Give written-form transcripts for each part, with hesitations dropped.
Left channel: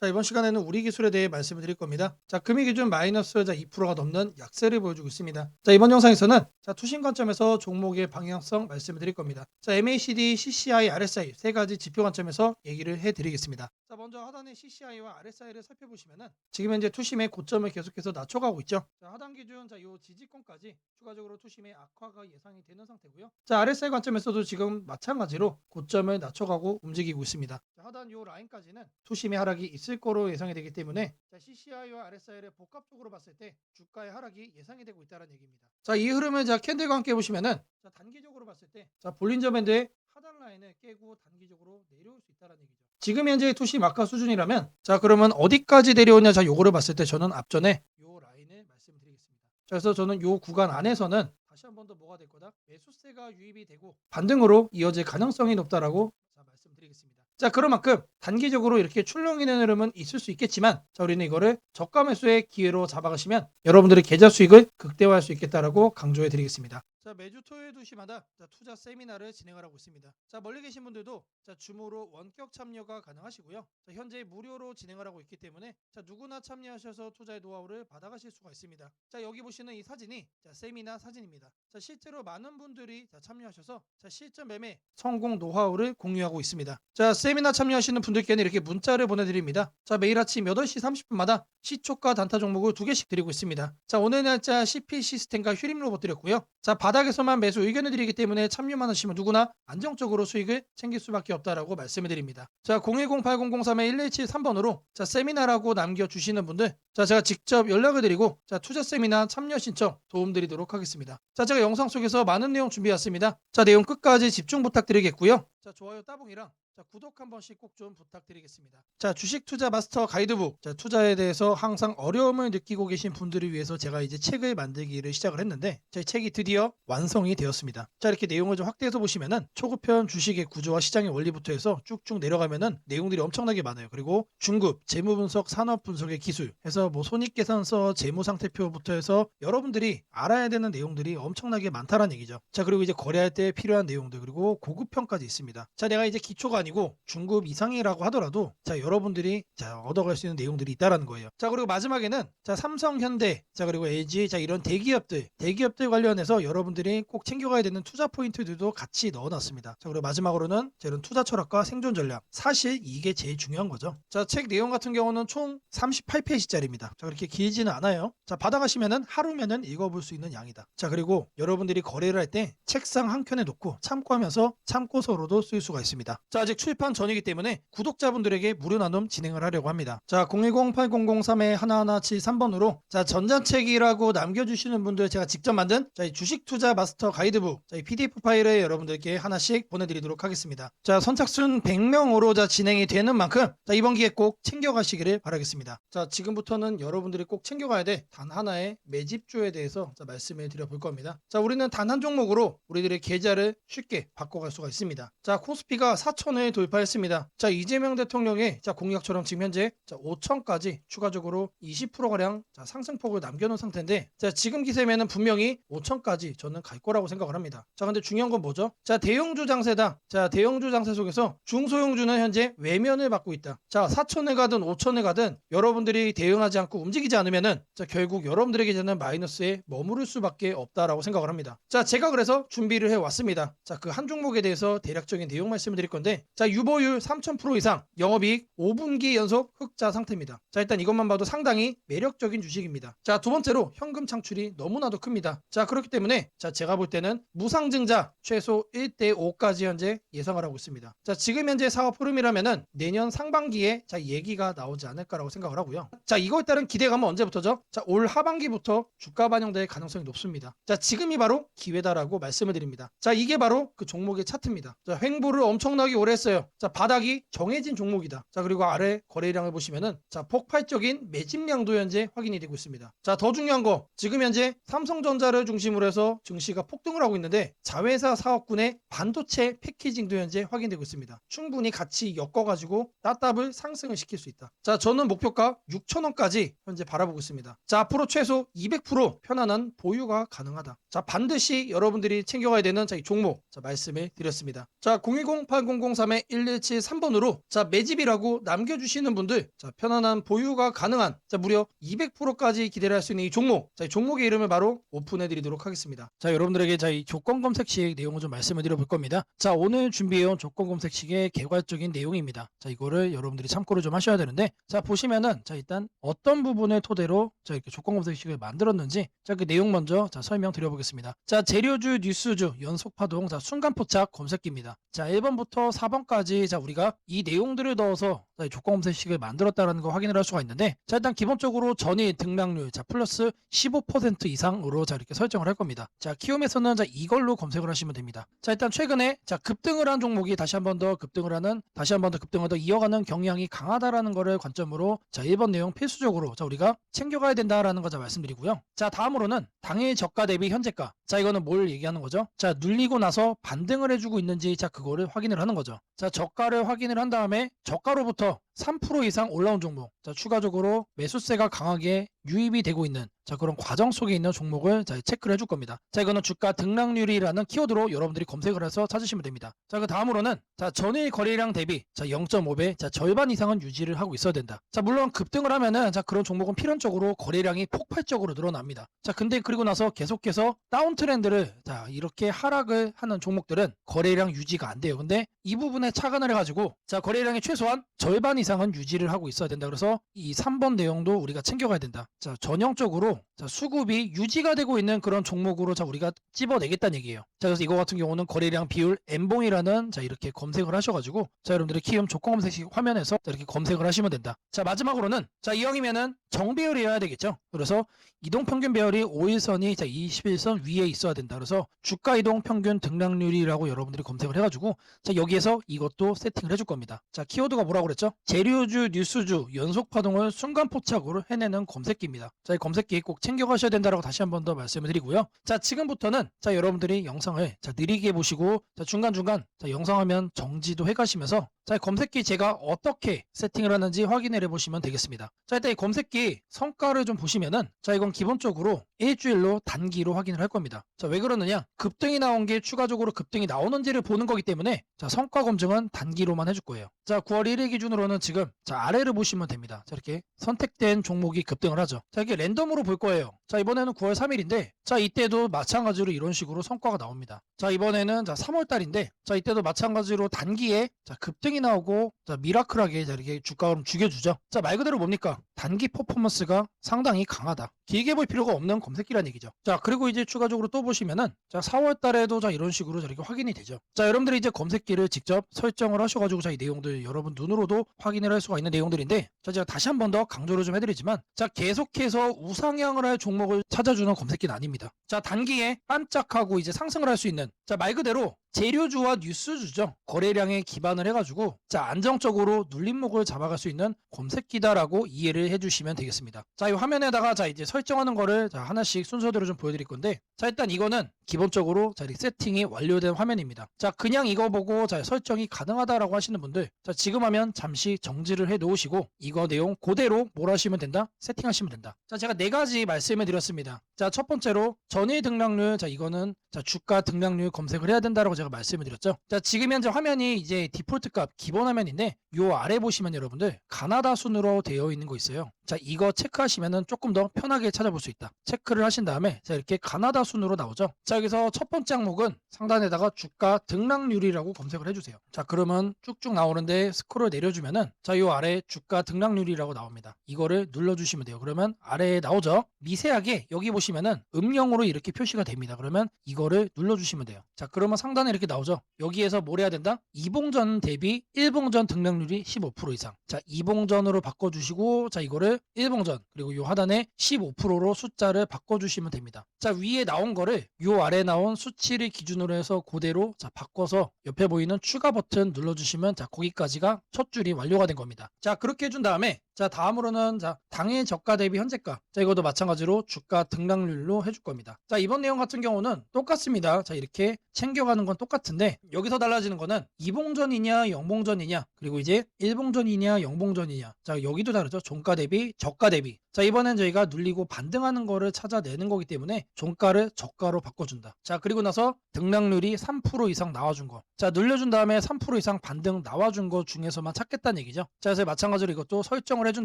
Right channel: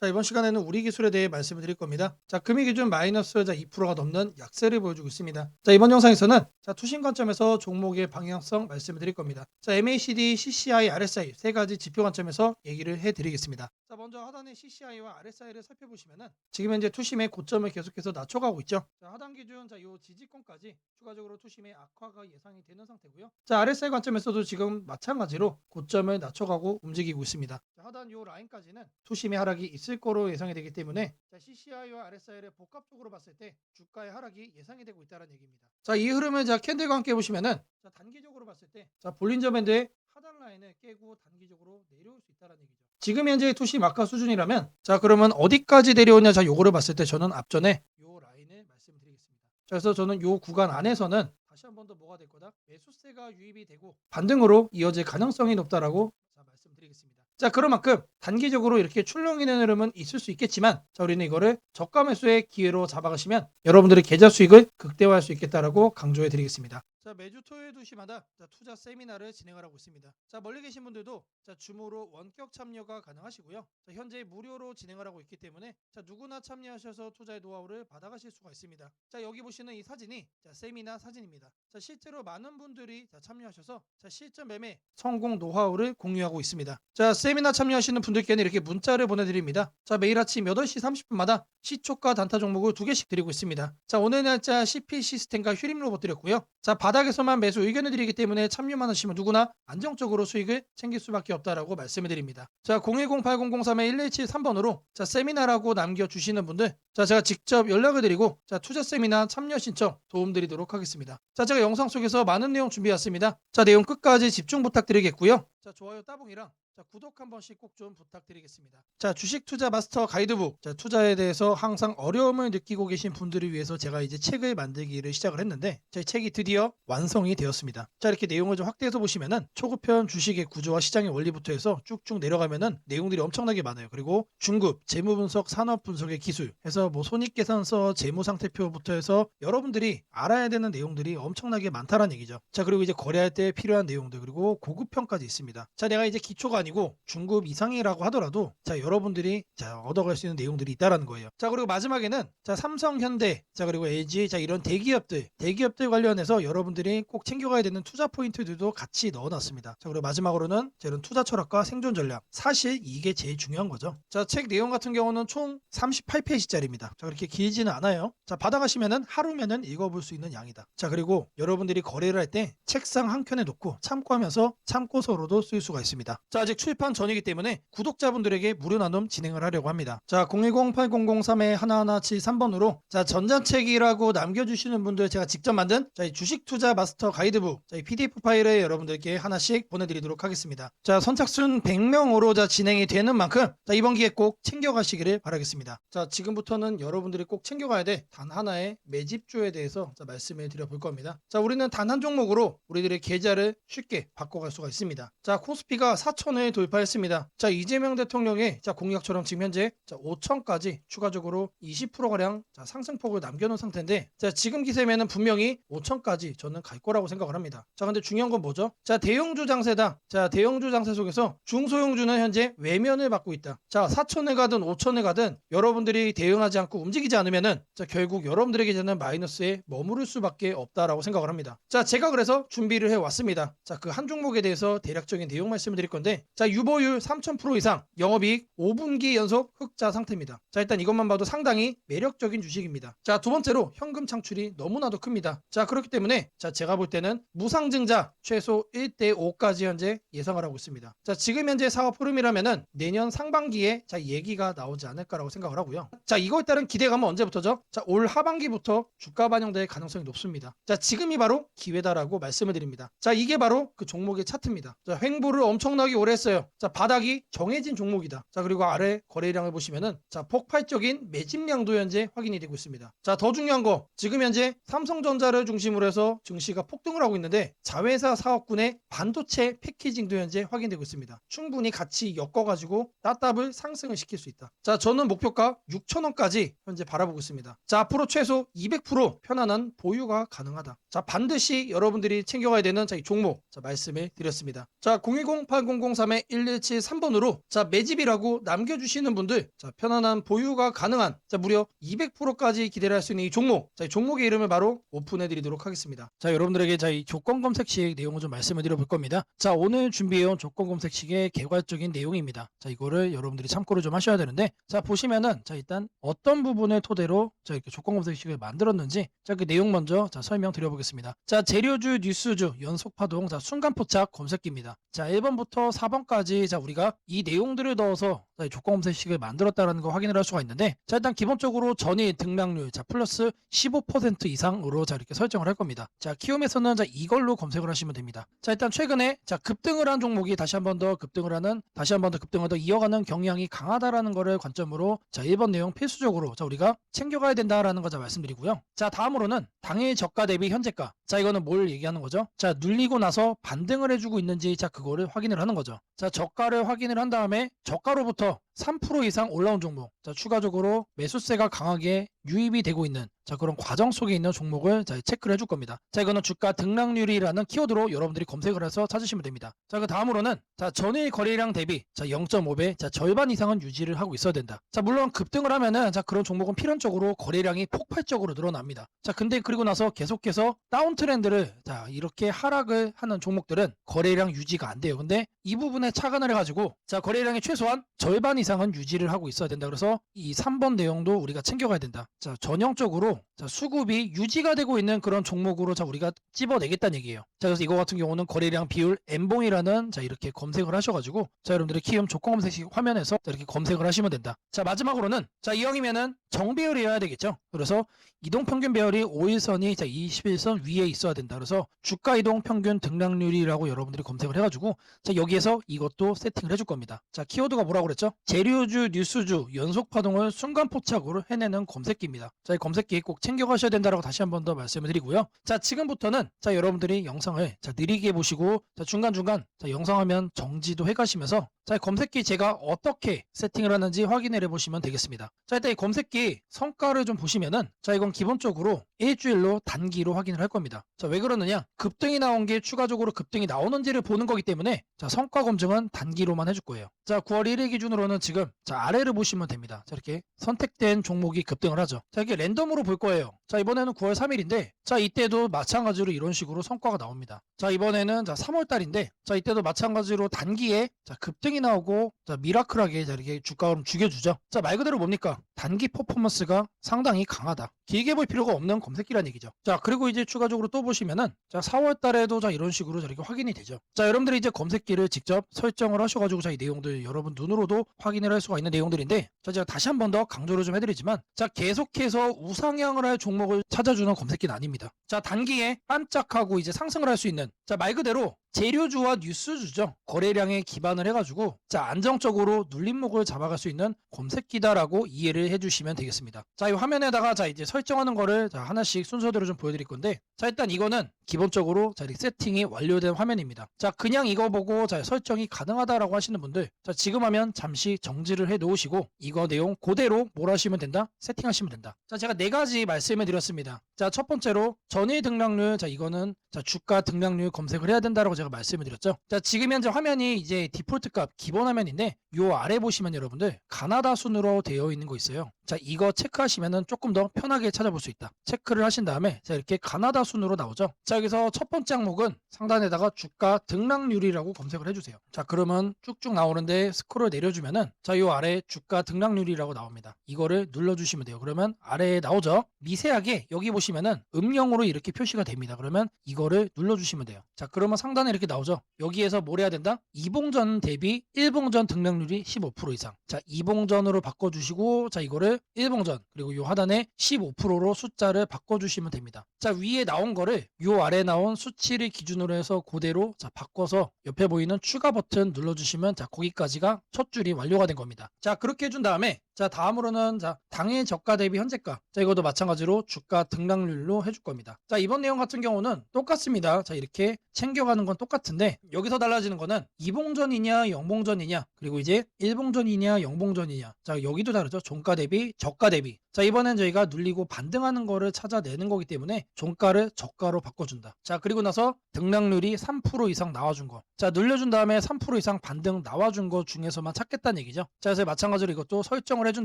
자, 이번 시간에는 우리 기술에 대해 말씀을 드릴 겁니다. 자, 금리 기준 마이너스 2%가 넘는 약세를 보여주고 있습니다. 자, 이번 영상에서는 투신 관점에서 종목의 방향성 말씀을 드릴 겁니다. 자, MACD, CCI, RSI 세 가지 지표 관점에서 얘기를 해드리겠습니다. 자, 먼저 하단의 CCI와 RSI를 살펴보시면은 지금 현재 투심의 고점을 계속해서 낮춰가고 있죠. 자, 하단 기준 요 지지권까지 추가적으로 투심의 악화가 예상이 되는 상태고요. 자, RSI 관점에서도 지금 마찬가지로 고점을 낮춰가고 움직이고 있습니다. 자, 하단 요 라인까지는 투심의 하락이 있을 거로 예상이 되기 때문에 CCI와 RSI를 복합적으로 봤을 때 주가의 하락이 예상이 되고 있다는 얘기입니다. 자, 이 흐름을 캔들과 함께 보시면은 단기적으로 봤을 때 볼린저 밴드의 하단 라인을 깨고 단기적으로 내려올 수 있다는 얘기죠. 지금 현재 투심 악화 수준이라면 그러면 어디까지 내려오냐 요거를 봤을 때 저는 앞전에 요 라인을 말씀드리겠습니다. 그래서 저는 요 구간 안에서는 다시 한 번 더 뭐가 될 거다? 매수세가 유입이 되고 반등으로 이어질 가능성이 높다라고 말씀드리겠습니다. 자, 그런 만큼 단기적으로 이렇게 출렁이는 흐름은 있을 수 있겠지만 우리는 이거를 저가 매수의 기회로 잡아가시면 여러분들의 계좌 수익을 극대화할 수 있겠다라고 강조해 드리겠습니다. 자, 매주 토요일 2시마다 투자 세미나를 진행을 하고 있습니다. 자, 멀리 계신 분들도 줌으로 원격 참여가 가능하시고요. 현재 무료로 진행을 하고 있기 때문에 누구나 참여하셔서 투자의 노하우를 받아가실 수가 있습니다. 자, 여기 보시는 이 사진이 세미나 사진입니다. 자, 실제로 많은 분들이 참여하셔서 실전 매매 성공 노하우를 공유하고 있습니다. 자, 세미나 참여하시는 분들께는 이렇게 문자를 보내드립니다. 자, 매일 아침 8시 30분마다 시초가 단타 종목을 2개씩 드리고 있습니다. 자, 오늘 날짜 CP 시스템과 휴림 로봇 드렸고요. 자, 바닥에서만 매수 의견을 드리기 때문에 참여만 하시면 누구나 안정적으로 수익을 챙길 수밖에 없다라고 말씀을 드립니다. 자, 010-8003-1173번으로 세미나라고 남겨주시는 분들 제가 직접 연락을 드리고 투자 세미나 참여 신청 도움드리도록 하겠습니다. 자, 제가 영상 속에서 많은 내용 준비했습니다. 자, 내용 끝까지 집중 부탁드리겠고요. 자, 좋아요 따봉이랑 구독 한 번씩 꼭 좀 부탁드리겠습니다. 자, 주식 투자 마스터 가이드북. 투자에 대해서 항상 어려움을 느끼고 계신 분들을 위해서 제가 이제 책을 만들기를 시작을 했는데 제 책이 드디어 완성이 되었습니다. 자, 이렇게 내용을 좀 확대해서 보시면은 초급편 주식의 구조와 시장의 원리부터 해서 쭉쭉 내려가면은 내용들이 엄청나게 많아요. 그리고 중급, 재무 분석, 산업 분석의 기술 해서 손익계산서, 재무 상태표부터 해서 여러분들이 알아야 되는 내용들이 엄청나게 많다는 얘기죠. 자, 그리고 이제 거래할 때 필요한 내용들 그리고 고급편까지 있습니다. 자, 내가 이제 기초가 아니고 중급 이상이라고 하더라도 여러분들이 얻어갈 수 있는 내용들이 있다라는 거예요. 자, 그리고 마지막에는 삼성, 현대, 그리고 LG 이런 대기업들 관련해서 여러분들이 꼭 챙겨가야 되는 투자 포인트들도 같이 넣어놨습니다. 자, 그리고 마지막으로는 이런 투자 철학과 생존 전략. 사실 이게 제일 중요한 거죠. 자, 책 내용 같은 경우는 총 38페이지짜리입니다. 자, 그렇게 길지는 않아요. 자, 받아가시면은 하루면은 읽어볼 수 있는 양이다. 자, 그리고 여러분들이 거래를 할 때 책상 한 켠에 놓고 참고하면서 참고서로도 쓸 수가 있습니다. 자, 아직 출판 전이기 때문에 구독자분들에게 무료 나눔 진행을 하려고 합니다. 자, 010-8003-1173번으로 전자책이라고 남겨주시는 분들 제가 직접 만든 이 주식 투자 마스터 가이드북 이 PDF 파일을 여러분들께 하나씩 보내드리도록 하겠습니다. 자, 선착순 100명으로 진행이 되는 만큼 이번 기회 꼭 챙겨가시기를 바라겠습니다. 자, 지금부터는 여러분들이 꼭 챙겨가야 돼 단 하나의 매집주에 대해서 말씀을 드려볼 겁니다. 자, 우리는 단 한 종목으로 우리들의 계좌를 쉽게 바꿔갈 수가 있습니다. 자, 코스피가 4천을 돌파했습니다. 자, 이재명 대통령의 공약처럼 지금 현재 5천까지 추가적으로 20%가량 상승폭을 남겨놓은 상태인데 지금 기세면은 분명히 5천까지 저는 갈 거라고 생각을 합니다. 자, 근데 중요한 건 뭐죠? 대형주 장세다. 대형주 장세 속에서 중소형주는 현재 외면을 받고 있다. 4천을 가든 5천을 가든 여러분들이 대응하지 않고 움직이지 않으면은 결국 여러분들의 계좌는 마이너스에 머무를 수밖에 없다라고 생각을 합니다. 제가 그래서 준비를 해왔습니다. 그 한 종목에 대해서 대략적인 내용 말씀을 드릴 건데 유보율 3000% 이상, 영업이익 5분기 연속 흑자 상태입니다. 일단 이것만 봐도 상당히 매력적인 주식입니다. 두 번째로 현금 창출이 너무나도 큽니다. 그렇기 때문에 제가 볼 때는 무상증자 최소 1대5까지 현재 예상을 하고 있습니다. 지금 현재 사업 흐름이라면은 내년 상반기에 얘기가 나오지 않을까라고 생각을 하고요. 이거에 따른 기대감은 언제부터죠? 올 하반기부터 주가 반영될 가능성이 높습니다. 지금이 바로 기회다라고 말씀을 드립니다. 이게 바로 그 종목의 차트입니다. 횡보를 엄청나게 오래 했어요. 바닥이 정해진 종목이다. 그리고 아래 거래량을 보시면은 폭발적인 매집량도 현재 확인이 되고 있습니다. 자, 더 중요한 거. 지금 현재 삼성전자를 중심으로 해서 증시가 폭등을 하고 있는데 자회사 사업군의 반도체 패키징도 현재 확인되고 있습니다. 충분히 같이 엮어가지고 따따블 상승을 시킬 수 있다. 자, 저는 목표가 6,000원까지 현재 바라보고 있습니다. 자, 앞으로 최소 200% 편안한 보유가 가능하다. 자, 반드시 여러분들이 챙겨가야 되는 이 종목 말씀을 드렸습니다. 자, 010-8003-1173번으로 자, 매집이라고 남겨주시는 분들 자, 편안한 보유가 가능한 자, 무려 200%까지 기대를 할 수 있는 이 종목. 자, 이 종목의 이름을 바로 오픈해 드리도록 하겠습니다. 자, 여러분들에게 이 조건 검색식 내용을 좀 말씀을 드려볼 겁니다. 자, 오늘 준비해온 조건 검색식의 개괄적인 내용입니다. 자, 이거를 여러분들이 참고를 좀 하셔야 되는데, 자, 보시면은 자, 일단 어떤 부분을 토대로 자, 이렇게 조건 검색식을 만들었는지 자, 그 내용 먼저 자, 설명드려보겠습니다. 자, 재료주, 뉴스주, 연속파동, 자, 순간포착 검색기입니다. 자, 1번부터 4번까지 자, 우리가 이 내용들을 넣어서 자, 조건 검색식을 만들었다는 거 확인을 할 수가 있는데, 자, 일단 기본적으로 전일 등락률 자, 플러스 15% 이상으로 자, 이렇게 설정을 할 겁니다. 자, 키움에서는 자, 이걸로 검색을 하시면 됩니다. 자, 일단 최근에 자, 급등을 한 종목이 다시 한 번 더 급등을 더 이어가는 경향이 강하다라는 거를 관점으로 자, 1번 내용 필수적으로 자, 우리가 챙겨가야 된다라는 거 자, 말씀드리고요. 자, 다음으로는 당일 저가 대비 현재가. 자, 이거는 뭘 얘기하는 거죠? 자, 눌리고 나서 반등을 해주고 있는지 자, 그거를 확인을 하는 거죠. 자, 저가를 확인을 한 다음에 저가로부터 3% 이상 올라온 종목. 자, 추가적으로 매수세가 강하게 유입이 되고 있는 자, 그런 과정 속에 있는 종목을 자, 체크를 해줄 겁니다. 자, 이거는 주가 등락률이라는 키워드로 여러분들이 검색을 해서 찾으시면 됩니다. 자, 그 다음으로는 자, 전일 거래량 대비 자, 0.5배 자, 절반 이상은 유지를 하고 있어야 된다. 자, 물론 급등을 하면은 자, 그런 종목은 필연적으로 거래량이 폭발적으로 늘어납니다. 자, 근데 그리고 나서 계속해서 다운 트렌드를 자, 이렇게 하락을 하는 종목들은 거래량 유지가 안 돼요. 근데 이 부분에 착안을 해가지고 자, 거래량의 최소한 절반 이상은 유지를 하고 있어야 된다. 그래서 이 3번 내용도 우리가 챙겨가야 된다. 자, 전형적으로 자, 수급이 유지가 되고 있는 그런 종목으로 자, 우리가 집어내겠다는 얘기예요. 자, 그래서 이거 같은 경우는 거래량 비율 MV라는 자, 이렇게 검색을 하셔가지고 자, 여러분들의 키움 조건 검색식 화면에서 자, 이렇게 검색을 하시면 된다. 자, 마지막으로는 자, 이형이면은 정배열이어야 되겠죠. 그래서 이동평균 배열이 5일선이 자, 21선 위에 있어야 된다. 그래서 주가 이동평균 등락률이라고 여러분들이 검색을 해가지고 자, 여기에서 이것도 세팅을 해줄 겁니다. 자, 키워드가 뭐라고 그랬죠? 재료주, 뉴스주, 연속파동을 순간포착으로 해내는 검색기입니다. 자, 이 검색기 꼭 챙겨가셔야 된다라고 다시 한 번 더 말씀을 드리고요. 자, 지금부터는 자, 여러분들이 영상을 자, 느리게 보시고 자, 중간중간 자, 영상 화면 정지도 해가시면서 자, 검색기 제가 어떻게 세팅을 하는지 확인을 해보시면 되겠습니다. 자, 일단 이 검색기 성과를 좀 보시면은 자, 이건 기본적으로 일주일로 단기로 확인을 할 겁니다. 자, 왜 그러느냐? 급등이 나온 게 추가적으로 급등이 나오는지를 보는 거기 때문에 자, 성과 검증은 단기로만 해줄 거예요. 자, 9월 1일 기준으로는 지금 자, 아래를 보시면 됩니다. 자, 이렇게 선택된 종목이 급등을 하죠. 자, 이게 랜덤으로 볼 거예요. 자, 이번에는 9월 3일인데 자, 이때도 마찬가지로 이런 식으로 성과가 나옵니다. 자, 이번에는 자, 3월 달인데 자, 이때도 마찬가지로 단기에 자, 급등이 나오고 자, 미라클하게 자, 이렇게 주가를 죽여주죠. 자, 말 그대로 뭡니까? 단기 퍼포먼스가 상당히 강하다. 길게 볼 필요가 없는 검색기란 얘기죠. 자, 그리고 이제 추가적으로 또 보시면은 자, 4월 달에도 자, 이런 식으로 이렇게 확인이 되죠. 자, 여러분들이 이제 검색기를 직접 설정을 하셔가지고 자, 이 내용들 여러분 눈으로도 확인을 할 수가 있는 내용들인데 자, 제가 다시 한 번 더 강조를 좀 해드리지만 자, 계속해서 우상향을 할 종목을 찾아주는 검색기는 아닙니다. 자, 단기에 반짝하고 이제 상승을 할 수 있는 자, 말 그대로 재료주와 뉴스주죠. 거래량에 기반을 해가지고 자, 안정적으로 눌림목을 잡아갈 수 있는 검색기다라고 이해를 해주시면 되겠습니다. 자, 이 화면에다가 자, 이제 설정하는 거를 자, 하나씩 순서대로 좀 보여드릴 건데 자, 일단 이거는 기본적으로 자, 이렇게 세팅이 완료된 화면입니다. 자, 그냥 이거 보고 자, 설정이 가능하다라고 하시는 분들 자, 지금 하면 잠시 정지를 해 놓으시고 이거 내용 그대로 뭘 하시면 된다? 세팅하시면 된다. 자, 제가 네 가지 말씀을 드렸습니다. 자, 첫 번째로 전일 등락률 자, 이거는 자, 주가 등락률 검색을 해야 된다라고 제가 말씀을 드렸죠. 자, 지금 현재 화면이 이제 디폴트 값 기본 화면인데 요 아래 보시면 여러분들 가나다 순으로 되어 있는 거 있어요. 자, 이거 체크하시면은 조금 더 편하게 찾아볼 수 있다. 체크를 하신 다음에 자, 이렇게 가나다 순으로 나오죠. 자, 여기서 첫 번째 항목은 상단에다가 주가 등락률이라고 검색을 해주세요. 자, 그러면 쭉쭉 나오는데 스크롤 내려주면은 자, 요 아래 주가 등락률이라고 나옵니다. 이거를 눌러주시면 돼요. 그러면 아래에 나오죠. 미세하게 여기 보시면은 음영으로 이렇게 표시가 됩니다. 그러면 이거를 눌러주시면 돼요. 자, 그러면 상단에 이렇게 나오죠. 여기에서 뭘 해야 된다? 2봉전 대비 1봉전 등락률이 15% 이상. 자, 2봉전으로 바꿔주시고 자, 이거를 1봉전 그리고 요 하단에 15%로 숫자를 바꿔주시면 됩니다. 자, 위에 나온 거를 요 아래 나온 수치를 기준으로 해서 그대로 자, 바꿔서 옆에 보이는 추가 버튼 눌러주시면 자, 거기까지가 첫 줄이 완료가 된 겁니다. 자, 그렇게 해준 다음에 자, 다음으로는 당해 저가 대비 현재가. 자, 이것도 마찬가지로 주가 등락률로 해줄 겁니다. 자, 이번 내용 같은 경우는 똑같습니다. 자, 이렇게 챙겨가는 건 똑같은데 여기서 달라지는 거는 이봉전이냐 영봉전이냐, 그리고 이제 일봉전이냐 영봉전이냐. 자, 여기도 다르죠. 종가 대비 저가 대비. 자, 이번엔 저희가 눌리고 반등하는 거를 찾아내는 거기 때문에 종가를 저가로 바꿔준다. 자, 그리고 나서 등락률이 3% 이상 나와준 거. 자, 눌려준 다음에 3% 이상 반등 나와준 것 중에서만 찾겠다는 얘기죠. 자, 그래서 마찬가지로 이것도 설정을 해준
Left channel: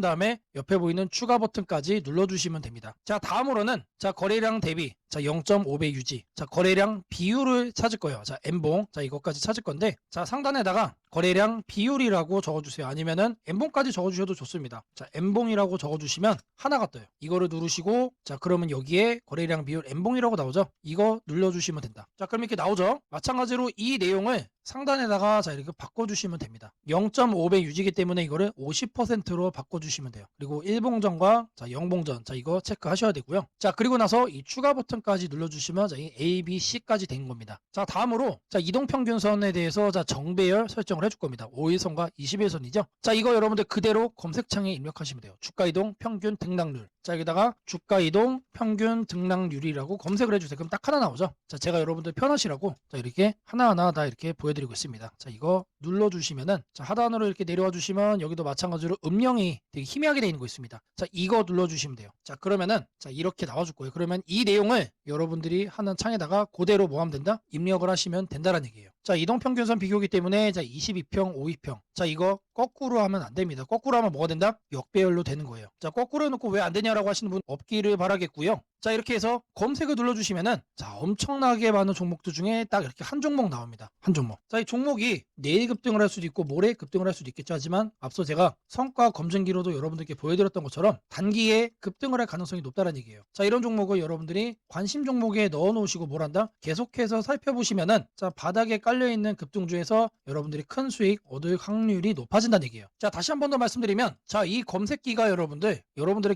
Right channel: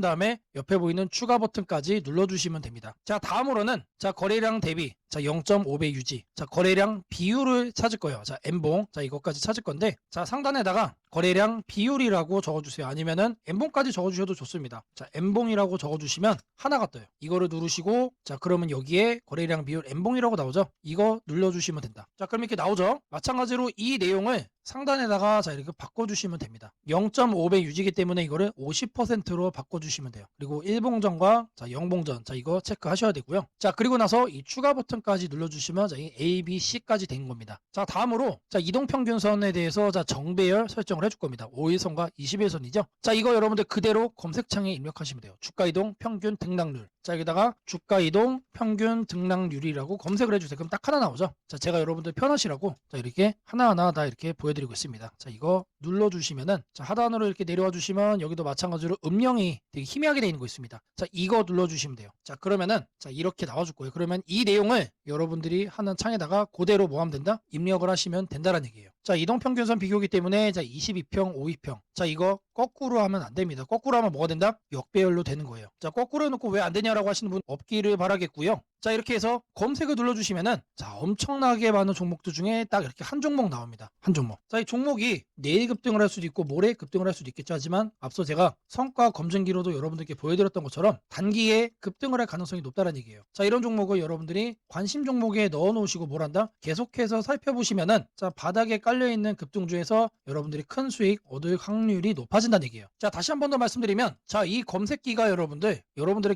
다음에 옆에 보이는 추가 버튼까지 눌러주시면 됩니다. 자, 다음으로는 거래량 대비 0.5배 유지. 자, 거래량 비율을 찾을 거예요. 자, N봉. 자, 이것까지 찾을 건데, 자, 상단에다가 거래량 비율이라고 적어주세요. 아니면은 N봉까지 적어주셔도 좋습니다. 자, N봉이라고 적어주시면 하나가 떠요. 이거를 누르시고, 자, 그러면 여기에 거래량 비율 N봉이라고 나오죠? 이거 눌러주시면 된다. 자, 그럼 이렇게 나오죠? 마찬가지로 이 내용을 상단에다가 이렇게 바꿔주시면 됩니다. 0.5배 유지기 때문에 이거를 50%로 바꿔주시면 돼요. 그리고 1봉전과 영봉전, 이거 체크하셔야 되고요. 자, 그리고 나서 이 추가 버튼까지 눌러주시면 이 A, B, C까지 된 겁니다. 자, 다음으로 이동평균선에 대해서 정배열 설정을 해줄 겁니다. 5일선과 20일선이죠. 자, 이거 여러분들 그대로 검색창에 입력하시면 돼요. 주가이동 평균 등락률. 자, 여기다가 주가이동 평균 등락률이라고 검색을 해주세요. 그럼 딱 하나 나오죠? 자, 제가 여러분들 편하시라고 이렇게 하나하나 다 이렇게 보여드리고 있습니다. 자, 이거 눌러주시면은 하단으로 이렇게 내려와 주시면 여기도 마찬가지로 음영이 되게 희미하게 되어 있는 거 있습니다. 자, 이거 눌러주시면 돼요. 자, 그러면은 이렇게 나와줄 거예요. 그러면 이 내용을 여러분들이 하는 창에다가 그대로 뭐 하면 된다? 입력을 하시면 된다는 얘기예요. 자, 이동평균선 비교기 때문에 22평, 52평. 자, 이거 거꾸로 하면 안 됩니다. 거꾸로 하면 뭐가 된다? 역배열로 되는 거예요. 자, 거꾸로 해놓고 왜 안 되냐라고 하시는 분 없기를 바라겠고요. 자, 이렇게 해서 검색을 눌러주시면은 엄청나게 많은 종목들 중에 딱 이렇게 한 종목 나옵니다. 한 종목. 자, 이 종목이 내일 급등을 할 수도 있고 모레 급등을 할 수도 있겠죠. 하지만 앞서 제가 성과 검증기로도 여러분들께 보여드렸던 것처럼 단기에 급등을 할 가능성이 높다는 얘기예요. 자, 이런 종목을 여러분들이 관심 종목에 넣어 놓으시고 뭘 한다? 계속해서 살펴보시면은 바닥에 깔려있는 급등주에서 여러분들이 큰 수익 얻을 확률이 높아진다는 얘기예요. 자, 다시 한 번 더 말씀드리면 이 검색기가 여러분들의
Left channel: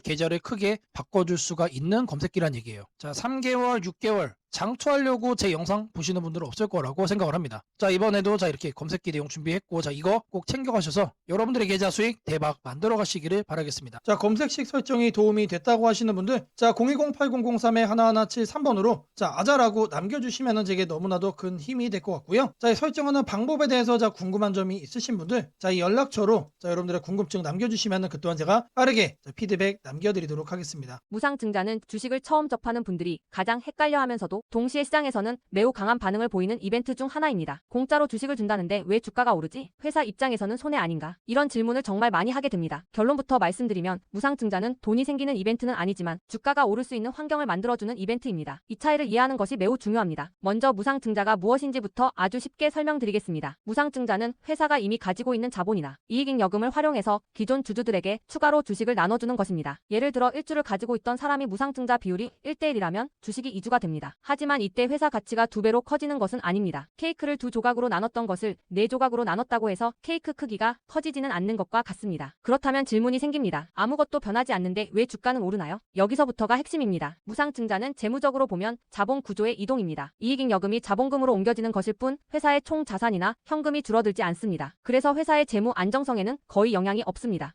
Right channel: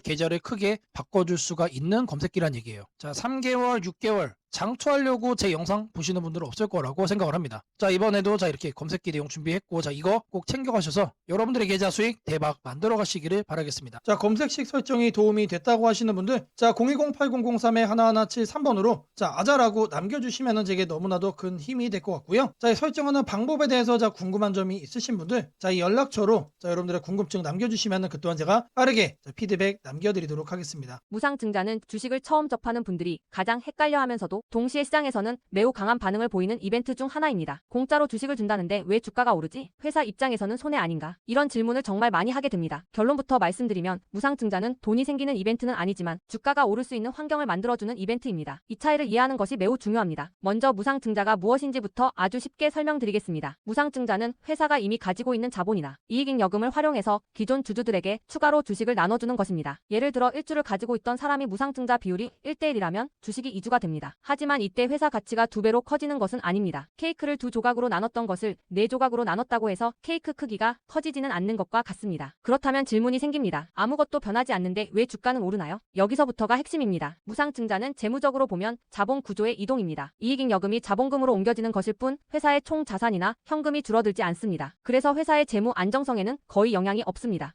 계좌를 크게 바꿔줄 수가 있는 검색기란 얘기예요. 자, 3개월, 6개월 장투하려고 제 영상 보시는 분들은 없을 거라고 생각을 합니다. 자, 이번에도 이렇게 검색기 내용 준비했고, 이거 꼭 챙겨가셔서 여러분들의 계좌 수익 대박 만들어 가시기를 바라겠습니다. 자, 검색식 설정이 도움이 됐다고 하시는 분들, 010-8003-1173번으로 아자라고 남겨주시면 제게 너무나도 큰 힘이 될 것 같고요. 자, 설정하는 방법에 대해서 궁금한 점이 있으신 분들, 이 연락처로 여러분들의 궁금증 남겨주시면 그 또한 제가 빠르게 피드백 남겨드리도록 하겠습니다. 무상증자는 주식을 처음 접하는 분들이 가장 헷갈려하면서도 동시에 시장에서는 매우 강한 반응을 보이는 이벤트 중 하나입니다. 공짜로 주식을 준다는데 왜 주가가 오르지? 회사 입장에서는 손해 아닌가? 이런 질문을 정말 많이 하게 됩니다. 결론부터 말씀드리면 무상증자는 돈이 생기는 이벤트는 아니지만 주가가 오를 수 있는 환경을 만들어주는 이벤트입니다. 이 차이를 이해하는 것이 매우 중요합니다. 먼저 무상증자가 무엇인지부터 아주 쉽게 설명드리겠습니다. 무상증자는 회사가 이미 가지고 있는 자본이나 이익잉여금을 활용해서 기존 주주들에게 추가로 주식을 나눠주는 것입니다. 예를 들어 1주를 가지고 있던 사람이 무상증자 비율이 1대1이라면 주식이 2주가 됩니다. 하지만 이때 회사 가치가 2배로 커지는 것은 아닙니다. 케이크를 2조각으로 나눴던 것을 4조각으로 나눴다고 해서 케이크 크기가 커지지는 않는 것과 같습니다. 그렇다면 질문이 생깁니다. 아무것도 변하지 않는데 왜 주가는 오르나요? 여기서부터가 핵심입니다. 무상증자는 재무적으로 보면 자본 구조의 이동입니다. 이익잉여금이 자본금으로 옮겨지는 것일 뿐 회사의 총 자산이나 현금이 줄어들지 않습니다. 그래서 회사의 재무 안정성에는 거의 영향이 없습니다.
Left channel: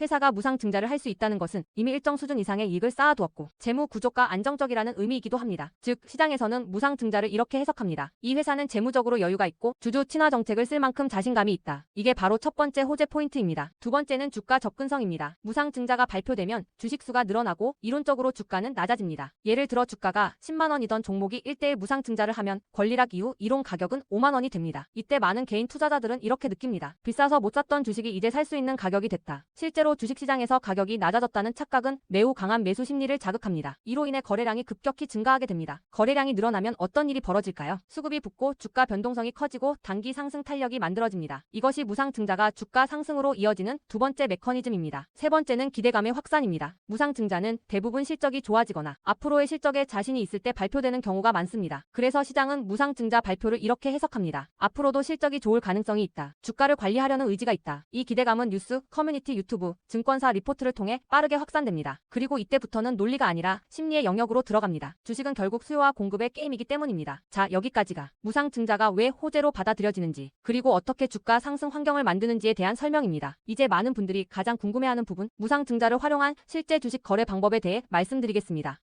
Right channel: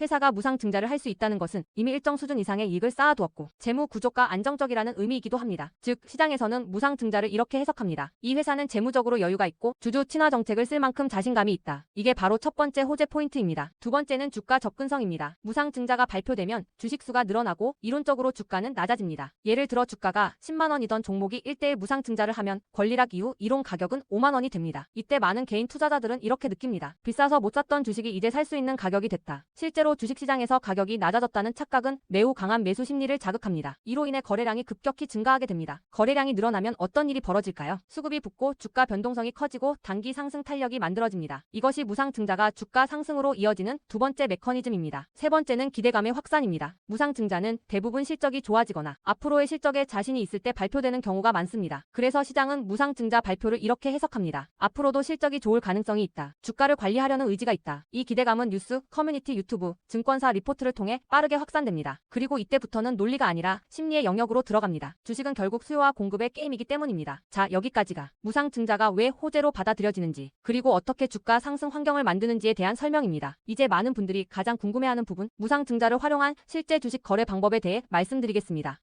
회사가 무상증자를 할 수 있다는 것은 이미 일정 수준 이상의 이익을 쌓아두었고 재무 구조가 안정적이라는 의미이기도 합니다. 즉 시장에서는 무상증자를 이렇게 해석합니다. 이 회사는 재무적으로 여유가 있고 주주 친화 정책을 쓸 만큼 자신감이 있다. 이게 바로 첫 번째 호재 포인트입니다. 두 번째는 주가 접근성입니다. 무상증자가 발표되면 주식수가 늘어나고 이론적으로 주가는 낮아집니다. 예를 들어 주가가 10만원이던 종목이 1대1 무상증자를 하면 권리락 이후 이론 가격은 5만원이 됩니다. 이때 많은 개인 투자자들은 이렇게 느낍니다. 비싸서 못 샀던 주식이 이제 살 수 있는 가격이 됐다. 실제로 주식시장에서 가격이 낮아졌다는 착각은 매우 강한 매수 심리를 자극합니다. 이로 인해 거래량이 급격히 증가하게 됩니다. 거래량이 늘어나면 어떤 일이 벌어질까요? 수급이 붙고 주가 변동성이 커지고 단기 상승 탄력이 만들어집니다. 이것이 무상증자가 주가 상승으로 이어지는 두 번째 메커니즘입니다. 세 번째는 기대감의 확산입니다. 무상증자는 대부분 실적이 좋아지거나 앞으로의 실적에 자신이 있을 때 발표되는 경우가 많습니다. 그래서 시장은 무상증자 발표를 이렇게 해석합니다. 앞으로도 실적이 좋을 가능성이 있다. 주가를 관리하려는 의지가 있다. 이 기대감은 뉴스, 커뮤니티, 유튜브, 후 증권사 리포트를 통해 빠르게 확산됩니다. 그리고 이때부터는 논리가 아니라 심리의 영역으로 들어갑니다. 주식은 결국 수요와 공급의 게임이기 때문입니다. 자, 여기까지가 무상증자가 왜 호재로 받아들여지는지, 그리고 어떻게 주가 상승 환경을 만드는지에 대한 설명입니다. 이제 많은 분들이 가장 궁금해하는 부분, 무상증자를 활용한 실제 주식 거래 방법에 대해 말씀드리겠습니다.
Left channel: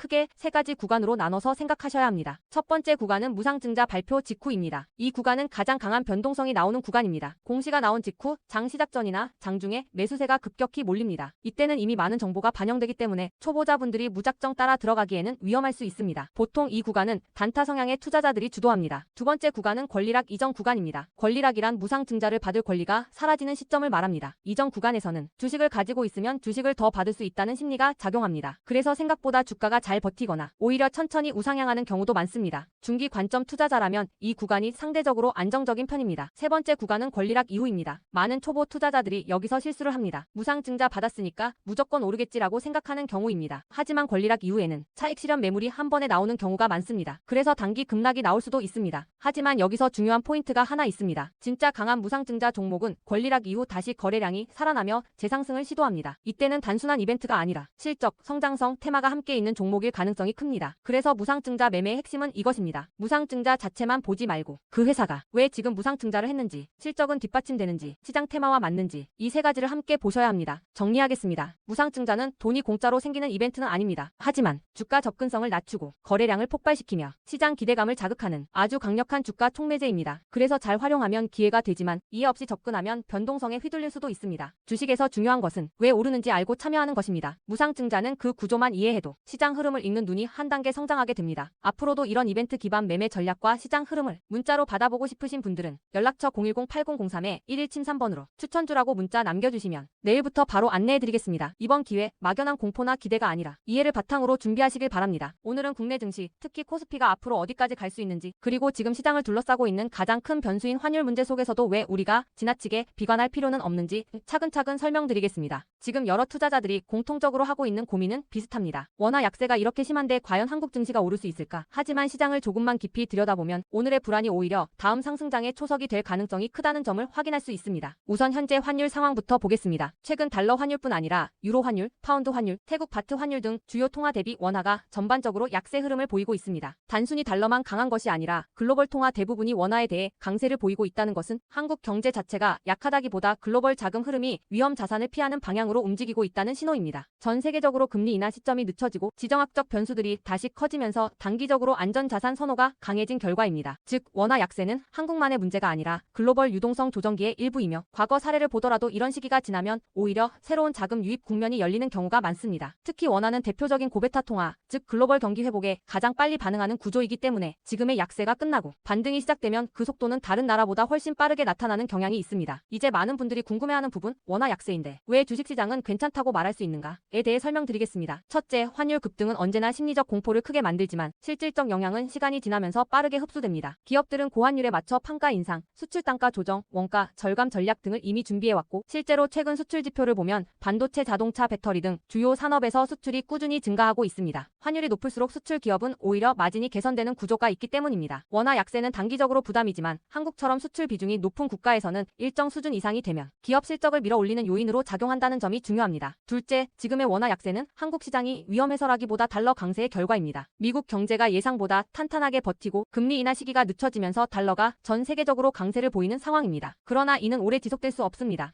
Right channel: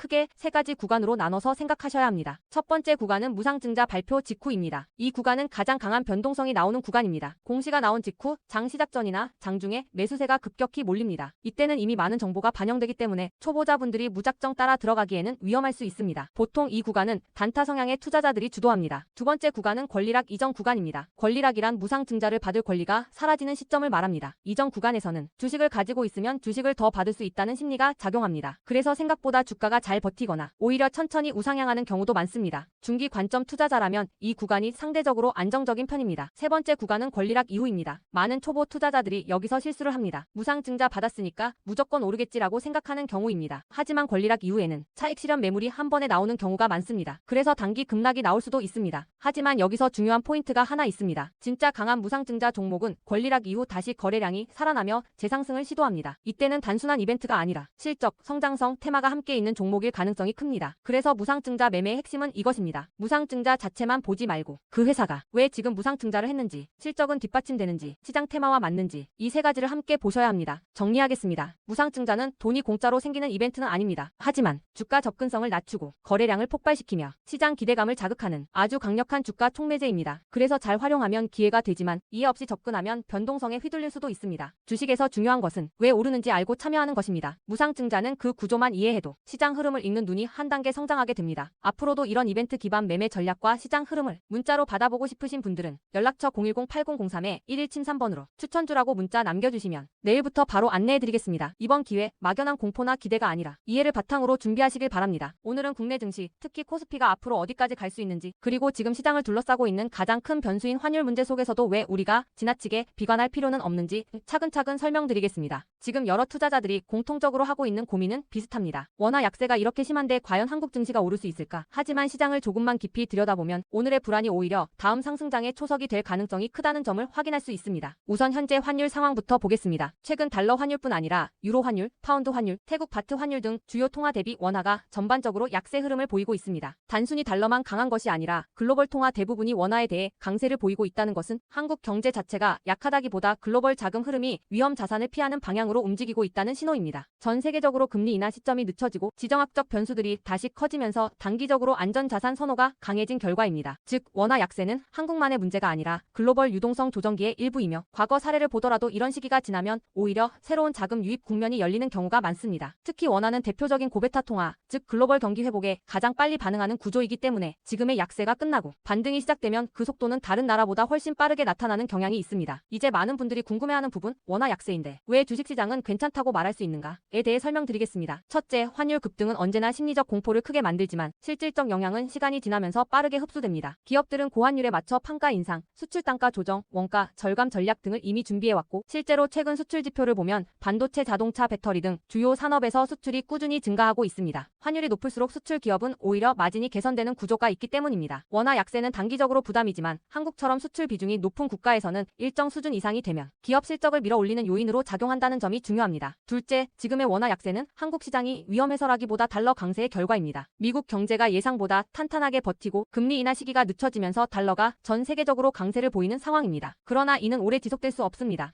크게 세 가지 구간으로 나눠서 생각하셔야 합니다. 첫 번째 구간은 무상증자 발표 직후입니다. 이 구간은 가장 강한 변동성이 나오는 구간입니다. 공시가 나온 직후 장 시작 전이나 장중에 매수세가 급격히 몰립니다. 이때는 이미 많은 정보가 반영되기 때문에 초보자분들이 무작정 따라 들어가기에는 위험할 수 있습니다. 보통 이 구간은 단타 성향의 투자자들이 주도합니다. 두 번째 구간은 권리락 이전 구간입니다. 권리락이란 무상증자를 받을 권리가 사라지는 시점을 말합니다. 이전 구간에서는 주식을 가지고 있으면 주식을 더 받을 수 있다는 심리가 작용합니다. 그래서 생각보다 주가가 잘 버티거나 오히려 천천히 우상향하는 경우도 많습니다. 중기 관점 투자자라면 이 구간이 상대적으로 안정적인 편입니다. 세 번째 구간은 권리락 이후입니다. 많은 초보 투자자들이 여기서 실수를 합니다. 무상증자 받았으니까 무조건 오르겠지라고 생각하는 경우입니다. 하지만 권리락 이후에는 차익 실현 매물이 한 번에 나오는 경우가 많습니다. 그래서 단기 급락이 나올 수도 있습니다. 하지만 여기서 중요한 포인트가 하나 있습니다. 진짜 강한 무상증자 종목은 권리락 이후 다시 거래량이 살아나며 재상승을 시도합니다. 이때는 단순한 이벤트가 아니라 실적, 성장성, 테마가 함께 있는 종목일 가능성이 큽니다. 그래서 무상증자 매매의 핵심은 이것입니다. 무상증자 자체만 보지 말고 그 회사가 왜 지금 무상증자를 했는지, 실적은 뒷받침되는지, 시장 테마와 맞는지 이 세 가지를 함께 보셔야 합니다. 정리하겠습니다. 무상증자는 돈이 공짜로 생기는 이벤트는 아닙니다. 하지만 주가 접근성을 낮추고 거래량을 폭발시키며 시장 기대감을 자극하는 아주 강력한 주가 촉매제입니다. 그래서 잘 활용하면 기회가 되지만 이해 없이 접근하면 변동성에 휘둘릴 수도 있습니다. 주식에서 중요한 것은 왜 오르는지 알고 참여하는 것입니다. 무상증자는 그 구조만 이해해도 시장 흐름을 읽는 눈이 한 단계 성장하게 됩니다. 앞으로도 이런 이벤트 기반 매매 전략과 시장 흐름을 문자로 받아보고 싶으신 분들은 연락처 010-8003-1173번으로 추천주라고 문자 남겨주시면 내일부터 바로 안내해드리겠습니다. 이번 기회 막연한 공포나 기대가 아니라 이해를 바탕으로 준비하시길 바랍니다. 오늘은 국내 증시, 특히 코스피가 앞으로 어디까지 갈 수 있는지, 그리고 지금 시장을 둘러싸고 있는 가장 큰 변수인 환율 문제 속에서도 왜 우리가 지나치게 비관할 필요는 없는지 차근차근 설명드리겠습니다. 지금 여러 투자자들이 공통적으로 하고 있는 고민은 비슷합니다. 원화 약세가 이렇게 심한데 과연 한국 증시가 오를 수 있을까? 하지만 시장을 조금만 깊이 들여다보면 오늘의 불안이 오히려 다음 상승장의 초석이 될 가능성이 크다는 점을 확인할 수 있습니다. 우선 현재 환율 상황부터 보겠습니다. 최근 달러 환율뿐 아니라 유로 환율, 파운드 환율, 태국 바트 환율 등 주요 통화 대비 원화가 전반적으로 약세 흐름을 보이고 있습니다. 단순히 달러만 강한 것이 아니라 글로벌 통화 대부분이 원화에 대해 강세를 보이고 있다는 것은 한국 경제 자체가 약하다기보다 글로벌 자금 흐름이 위험 자산을 피하는 방향으로 움직이고 있다는 신호입니다. 전 세계적으로 금리 인하 시점이 늦춰지고 지정학적 변수들이 다시 커지면서 단기적으로 안전자산 선호가 강해진 결과입니다. 즉 원화 약세는 한국만의 문제가 아니라 글로벌 유동성 조정기의 일부이며 과거 사례를 보더라도 이런 시기가 지나면 오히려 새로운 자금 유입 국면이 열리는 경우가 많습니다. 특히 원화는 대표적인 고베타 통화, 즉 글로벌 경기 회복에 가장 빨리 반응하는 구조이기 때문에 지금의 약세가 끝나고 반등이 시작되면 그 속도는 다른 나라보다 훨씬 빠르게 나타나는 경향이 있습니다. 이제 많은 분들이 궁금해하는 부분, 원화 약세인데 왜 주식시장은 괜찮다고 말할 수 있는가에 대해 설명드리겠습니다. 첫째, 환율 급등은 언제나 심리적 공포를 크게 만들지만 실질적 영향은 시간이 지나면서 빠르게 흡수됩니다. 기업들은 고환율에 맞춰 판가 인상, 수출 단가 조정, 원가 절감 전략 등을 이미 준비해왔고 실제로 최근 수출 지표를 보면 반도체, 자동차, 배터리 등 주요 산업에서 수출이 꾸준히 증가하고 있습니다. 환율이 높을수록 수출 기업은 오히려 마진이 개선되는 구조가 있기 때문입니다. 원화 약세는 단기적으로 부담이지만 한국처럼 수출 비중이 높은 국가에서는 일정 수준 이상이 되면 기업 실적을 밀어올리는 요인으로 작용한다는 점이 중요합니다. 둘째, 지금의 원화 약세는 한국 시장이 위험해서라기보다 달러 강세의 결과입니다. 미국 경제가 예상보다 탄탄하게 버티고 금리 인하 시기가 늦춰지면서 달러가 전 세계적으로 강세를 보이는 상황입니다.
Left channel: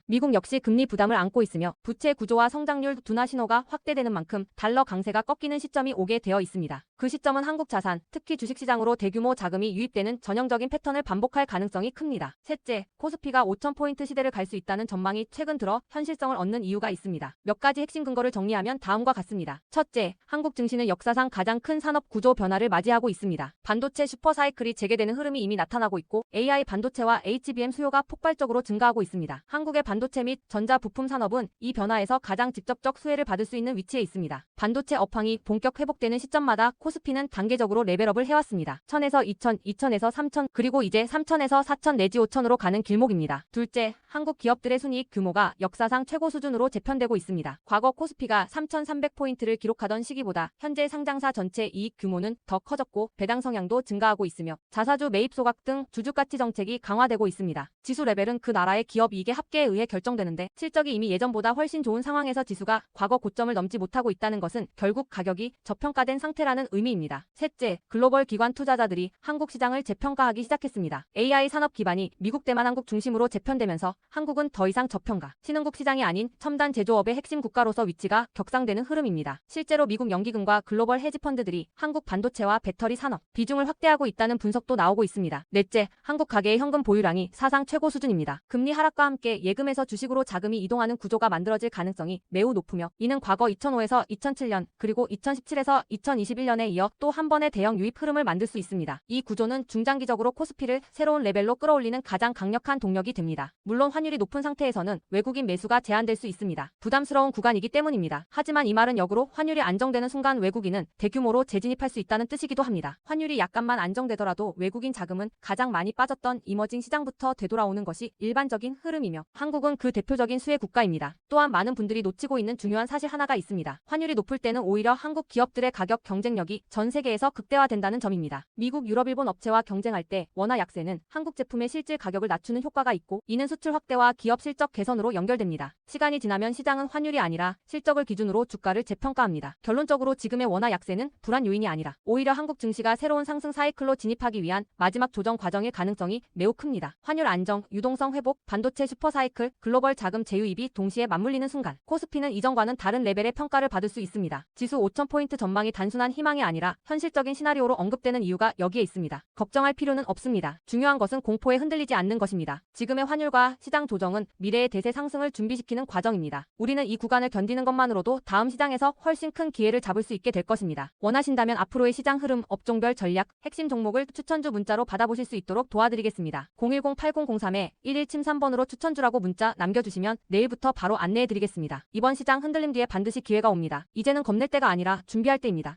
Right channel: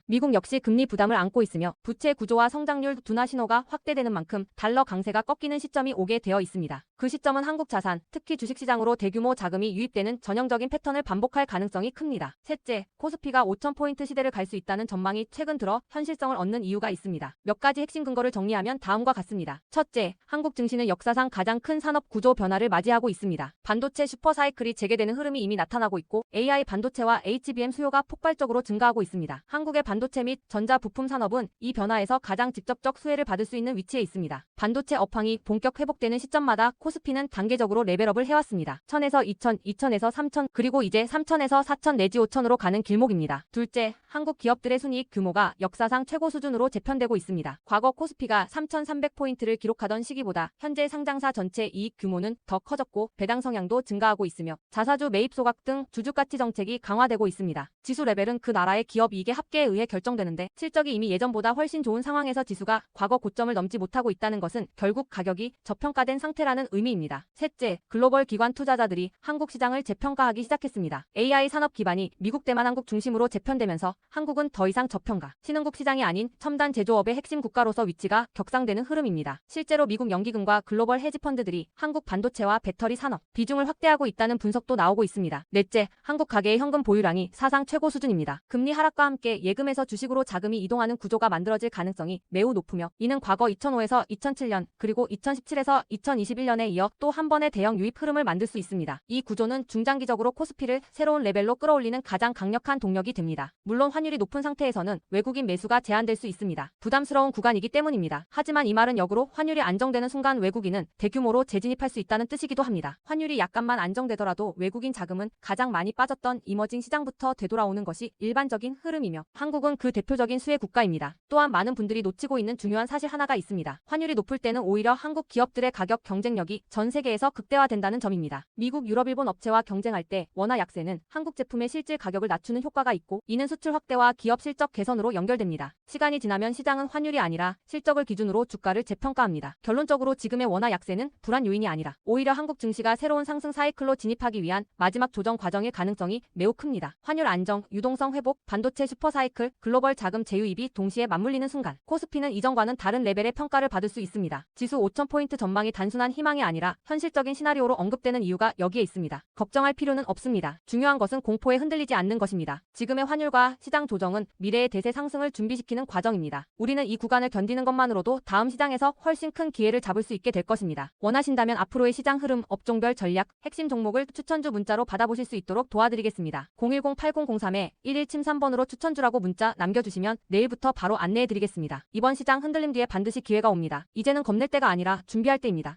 미국 역시 금리 부담을 안고 있으며 부채 구조와 성장률 둔화 신호가 확대되는 만큼 달러 강세가 꺾이는 시점이 오게 되어 있습니다. 그 시점은 한국 자산, 특히 주식시장으로 대규모 자금이 유입되는 전형적인 패턴을 반복할 가능성이 큽니다. 셋째, 코스피가 5,000포인트 시대를 갈 수 있다는 전망이 최근 들어 현실성을 얻는 이유가 있습니다. 몇 가지 핵심 근거를 정리하면 다음과 같습니다. 첫째, 한국 증시는 역사상 가장 큰 산업 구조 변화를 맞이하고 있습니다. 반도체 슈퍼사이클이 재개되는 흐름이 이미 나타나고 있고 AI 반도체와 HBM 수요가 폭발적으로 증가하고 있습니다. 한국의 반도체 및 전자 부품 산업은 이 변화에서 가장 직접적 수혜를 받을 수 있는 위치에 있습니다. 반도체 업황이 본격 회복되는 시점마다 코스피는 단계적으로 레벨업을 해왔습니다. 1000에서 2000, 2000에서 3000, 그리고 이제 3000에서 4000 내지 5000으로 가는 길목입니다. 둘째, 한국 기업들의 순이익 규모가 역사상 최고 수준으로 재편되고 있습니다. 과거 코스피가 3,300포인트를 기록하던 시기보다 현재 상장사 전체 이익 규모는 더 커졌고 배당 성향도 증가하고 있으며 자사주 매입 소각 등 주주가치 정책이 강화되고 있습니다. 지수 레벨은 그 나라의 기업 이익의 합계에 의해 결정되는데 실적이 이미 예전보다 훨씬 좋은 상황에서 지수가 과거 고점을 넘지 못하고 있다는 것은 결국 가격이 저평가된 상태라는 의미입니다. 셋째, 글로벌 기관 투자자들이 한국 시장을 재평가하기 시작했습니다. AI 산업 기반이 미국 대만 한국 중심으로 재편되면서 한국은 더 이상 저평가, 신흥국 시장이 아닌 첨단 제조업의 핵심 국가로서 위치가 격상되는 흐름입니다. 실제로 미국 연기금과 글로벌 헤지펀드들이 한국 반도체와 배터리 산업 비중을 확대하고 있다는 분석도 나오고 있습니다. 넷째, 한국 가계의 현금 보유량이 사상 최고 수준입니다. 금리 하락과 함께 예금에서 주식으로 자금이 이동하는 구조가 만들어질 가능성이 매우 높으며 이는 과거 2005에서 2007년 그리고 2017에서 2021년에 이어 또 한 번의 대형 유입 흐름을 만들 수 있습니다. 이 구조는 중장기적으로 코스피를 새로운 레벨로 끌어올리는 가장 강력한 동력이 됩니다. 물론 환율이 높은 상태에서는 외국인 매수가 제한될 수 있습니다. 부담스러운 구간이기 때문입니다. 하지만 이 말은 역으로 환율이 안정되는 순간 외국인은 대규모로 재진입할 수 있다는 뜻이기도 합니다. 환율이 약간만 안정되더라도 외국인 자금은 가장 많이 빠졌던 이머징 시장부터 되돌아오는 것이 일반적인 흐름이며 한국은 그 대표적인 수혜 국가입니다. 또한 많은 분들이 놓치고 있는 중요한 사실 하나가 있습니다. 환율이 높을 때는 오히려 한국 기업들의 가격 경쟁력이 전 세계에서 극대화된다는 점입니다. 미국, 유럽, 일본 업체와 경쟁할 때 원화 약세는 한국 제품의 실질 가격을 낮추는 효과가 있고 이는 수출 확대와 기업 실적 개선으로 연결됩니다. 시간이 지나면 시장은 환율이 아니라 실적을 기준으로 주가를 재평가합니다. 결론적으로 지금의 원화 약세는 불안 요인이 아니라 오히려 한국 증시가 새로운 상승 사이클로 진입하기 위한 마지막 조정 과정일 가능성이 매우 큽니다. 환율 안정, 유동성 회복, 반도체 슈퍼 사이클, 글로벌 자금 재유입이 동시에 맞물리는 순간 코스피는 이전과는 다른 레벨의 평가를 받을 수 있습니다. 지수 5,000포인트 전망이 단순한 희망이 아니라 현실적인 시나리오로 언급되는 이유가 여기에 있습니다. 걱정할 필요는 없습니다. 중요한 것은 공포에 흔들리지 않는 것입니다. 지금의 환율과 시장 조정은 미래의 대세 상승을 준비시키는 과정입니다. 우리는 이 구간을 견디는 것만으로도 다음 시장에서 훨씬 큰 기회를 잡을 수 있게 될 것입니다. 원하신다면 앞으로의 시장 흐름, 업종별 전략, 핵심 종목을 추천주 문자로 받아보실 수 있도록 도와드리겠습니다. 010-8003-1173번으로 추천주라고 문자 남겨주시면 내일부터 바로 안내해드리겠습니다. 이번 시장 흔들림 뒤에 반드시 기회가 옵니다. 이제는 겁낼 때가 아니라 준비할 때입니다.